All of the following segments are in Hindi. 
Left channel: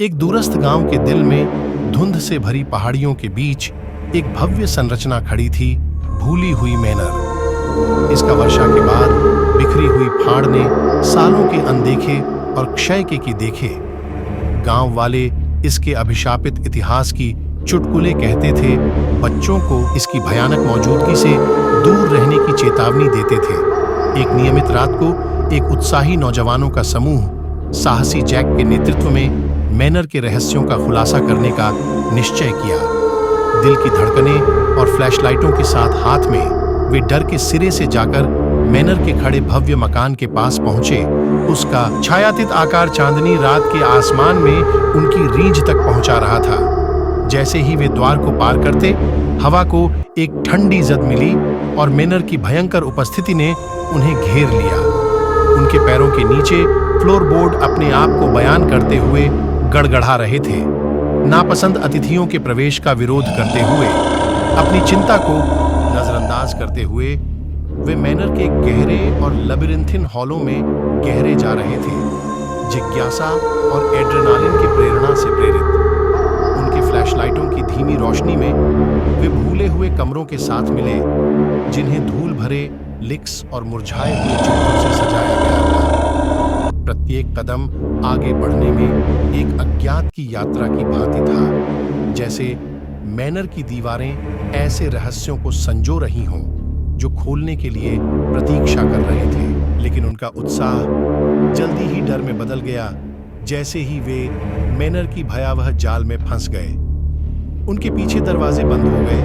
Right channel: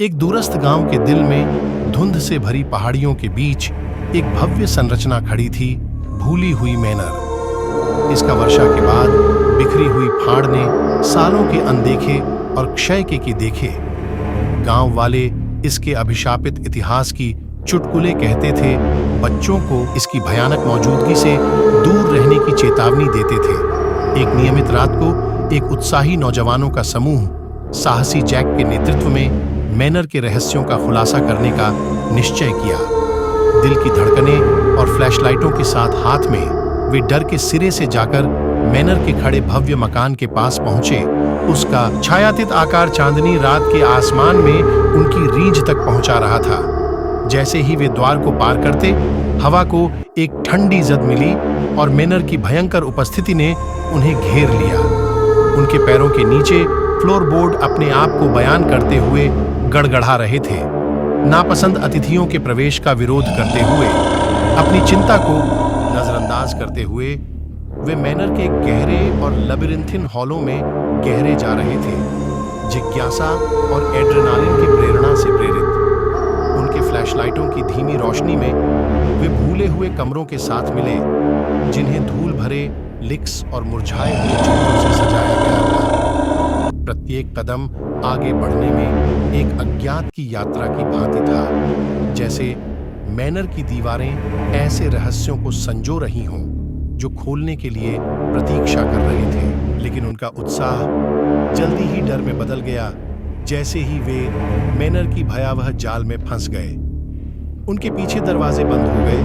एक दूरस्थ गांव के दिल में धुंध से भरी पहाड़ियों के बीच एक भव्य संरचना खड़ी थी, भूली हुई मैनर। इसका वर्षा के बाद बिखरी हुई फाड़ ने सालों के अनदेखे और क्षय के देखे। गांव वाले इसके अभिशापित इतिहास की चुटकुले कहते थे, बच्चों को इसकी भयानक मौजूदगी से दूर रहने की चेतावनी देते थे। एक नियमित रात को एक उत्साही नौजवानों का समूह साहसी जैक के नेतृत्व में मैनर के रहस्यों का खुलासा करने का निश्चय किया। दिल की धड़कनें और फ्लैशलाइटों के साथ हाथ में वे डर के सिरे से जाकर मैनर के खड़े भव्य मकान के पास पहुंचे। उसका छायातीत आकार चांदनी रात के आसमान में उनकी रींझ तक पहुंचा रहा था। जैसे ही वे द्वार को पार करते, हवा को एक ठंडी जद मिली और मैनर की भयंकर उपस्थिति ने उन्हें घेर लिया। उनके पैरों के नीचे फ्लोरबोर्ड अपने आप को बयान करते हुए गड़गड़ा रहे थे। नापसंद अतिथियों के प्रवेश का विरोध करते हुए, अपनी चिंता को नजरअंदाज करते हुए वे मैनर के गहरे और लबिरिंथिन हॉलों में गहरे जा रहे थे, जिज्ञासा और एड्रेनालिन की प्रेरणा से प्रेरित। उनके फ्लैशलाइटों की धीमी रोशनी में वे भूले हुए कमरों के साथ मिले, जिन्हें धूल भरे लिक्स और मुरझाए हुए चित्रों से सजाया गया था। प्रत्येक कदम आगे बढ़ने में एक अज्ञात की यात्रा की भांति था, जैसे मैनर की दीवारें ऐसे रहस्यों को संजो रही हों जो खोलने के लिए प्रतीक्षा कर रहे थे। लेकिन उनका उत्साह जल्दी ही डर में बदल गया, जैसे ही वे मैनर की भयावह जाल में फंस गए। उनके पीछे दरवाजे बंद हो गए,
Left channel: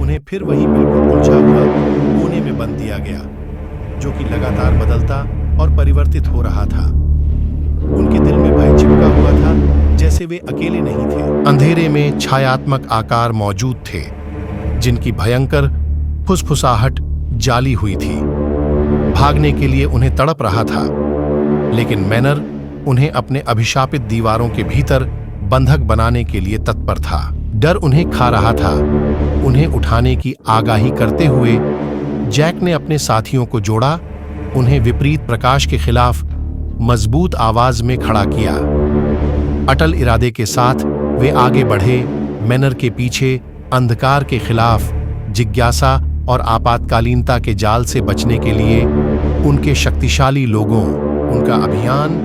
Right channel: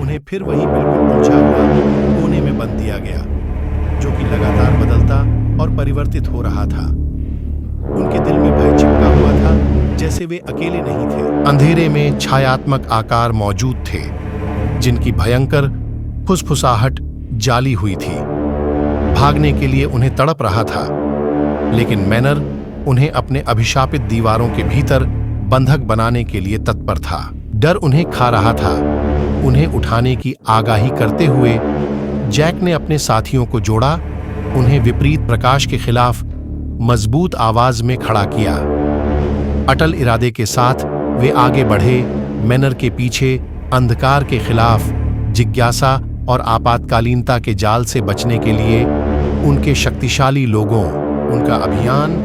उन्हें फिर वही बिल्कुल उलझा हुआ कोने में बंद दिया गया, जो कि लगातार बदलता और परिवर्तित हो रहा था। उनके दिल में भय चिपका हुआ था, जैसे वे अकेले नहीं थे। अंधेरे में छायात्मक आकार मौजूद थे, जिनकी भयंकर फुसफुसाहट जाली हुई थी। भागने के लिए उन्हें तड़प रहा था, लेकिन मैनर उन्हें अपने अभिशापित दीवारों के भीतर बंधक बनाने के लिए तत्पर था। डर उन्हें खा रहा था। उन्हें उठाने की आगाही करते हुए जैक ने अपने साथियों को जोड़ा, उन्हें विपरीत प्रकाश के खिलाफ मजबूत आवाज में खड़ा किया। अटल इरादे के साथ वे आगे बढ़े, मैनर के पीछे अंधकार के खिलाफ जिज्ञासा और आपातकालीनता के जाल से बचने के लिए। उनके शक्तिशाली लोगों, उनका अभियान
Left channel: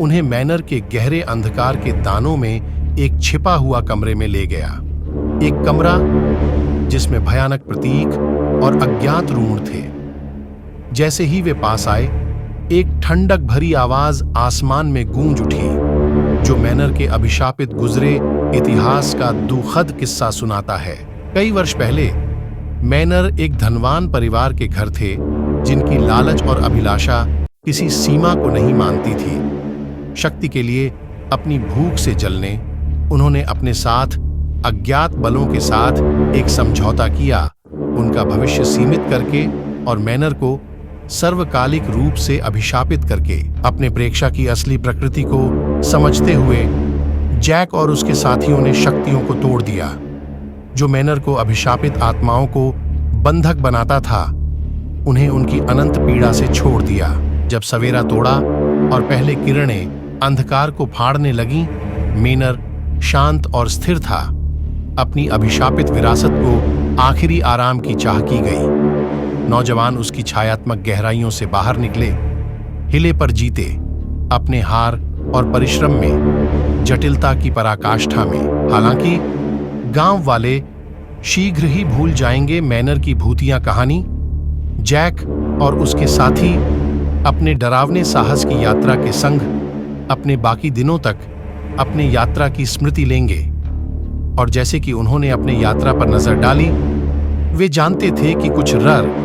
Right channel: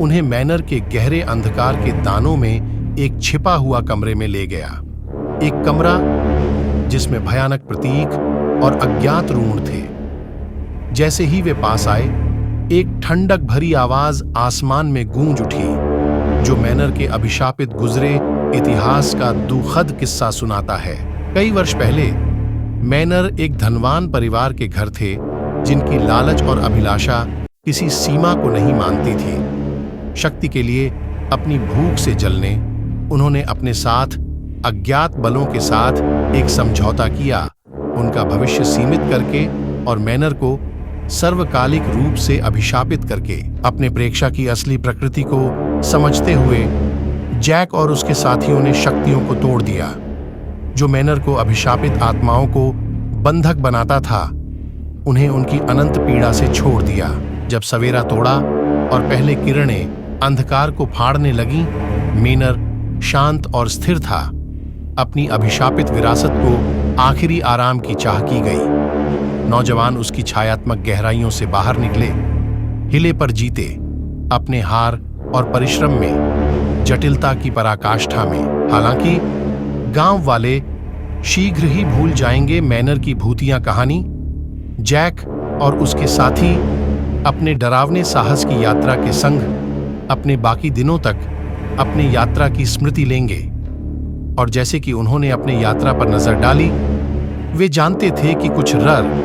उन्हें मैनर के गहरे अंधकार के दानों में एक छिपा हुआ कमरे में ले गया। एक कमरा जिसमें भयानक प्रतीक और अज्ञात रूण थे। जैसे ही वे पास आए, एक ठंडक भरी आवाज आसमान में गूंज उठी, जो मैनर के अभिशापित गुजरे इतिहास का दुखद किस्सा सुनाता है। कई वर्ष पहले मैनर एक धनवान परिवार के घर थे, जिनकी लालच और अभिलाषा किसी सीमा को नहीं मानती थी। शक्ति के लिए अपनी भूख से जलने उन्होंने अपने साथ अज्ञात बलों के साथ एक समझौता किया, उनका भविष्य सीमित करके और मैनर को सर्वकालिक रूप से अभिशापित करके। अपने प्रेक्षा की असली प्रकृति को समझते हुए जैक और उसके साथियों ने शक्तियों को तोड़ दिया, जो मैनर को अभिशापित आत्माओं को बंधक बनाता था। उन्हें उनकी अनंत पीड़ा से छोड़ दिया। जब सवेरा तोड़ा और पहले किरणें अंधकार को फाड़ने लगीं, मैनर शांत और स्थिर था। अपनी अभिशापित विरासत को आखिरी आराम की चाह की गई। नौजवान उसकी छायात्मक गहराइयों से बाहर निकले, हिले पर जीते, अपने हार और परिश्रम में, जटिलता की पराकाष्ठा में। हालांकि गांव वाले शीघ्र ही भूल जाएंगे मैनर की भूतिया कहानी। जैक और उसके साथी अपने डरावने साहस की यात्रा के संग अपने बाकी दिनों तक अपने यात्रा की स्मृति लेंगे। और जैसे कि उन्होंने अपने यात्रा पर नजर डाली, वे जानते थे कि कुछ रर